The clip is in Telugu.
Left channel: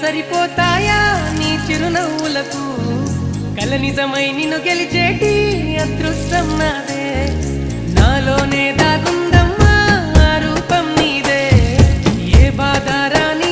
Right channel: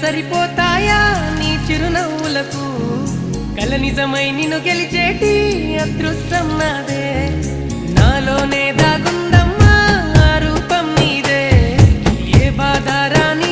సరిపోతాయా నీ చిరునవ్వులకు కల నిజమై నిన్ను గెలిచేటి అదృష్టం నాదే నాలోనే దాగుందమ్మా ఆ రూపం నీదే ఏ బాధ రాని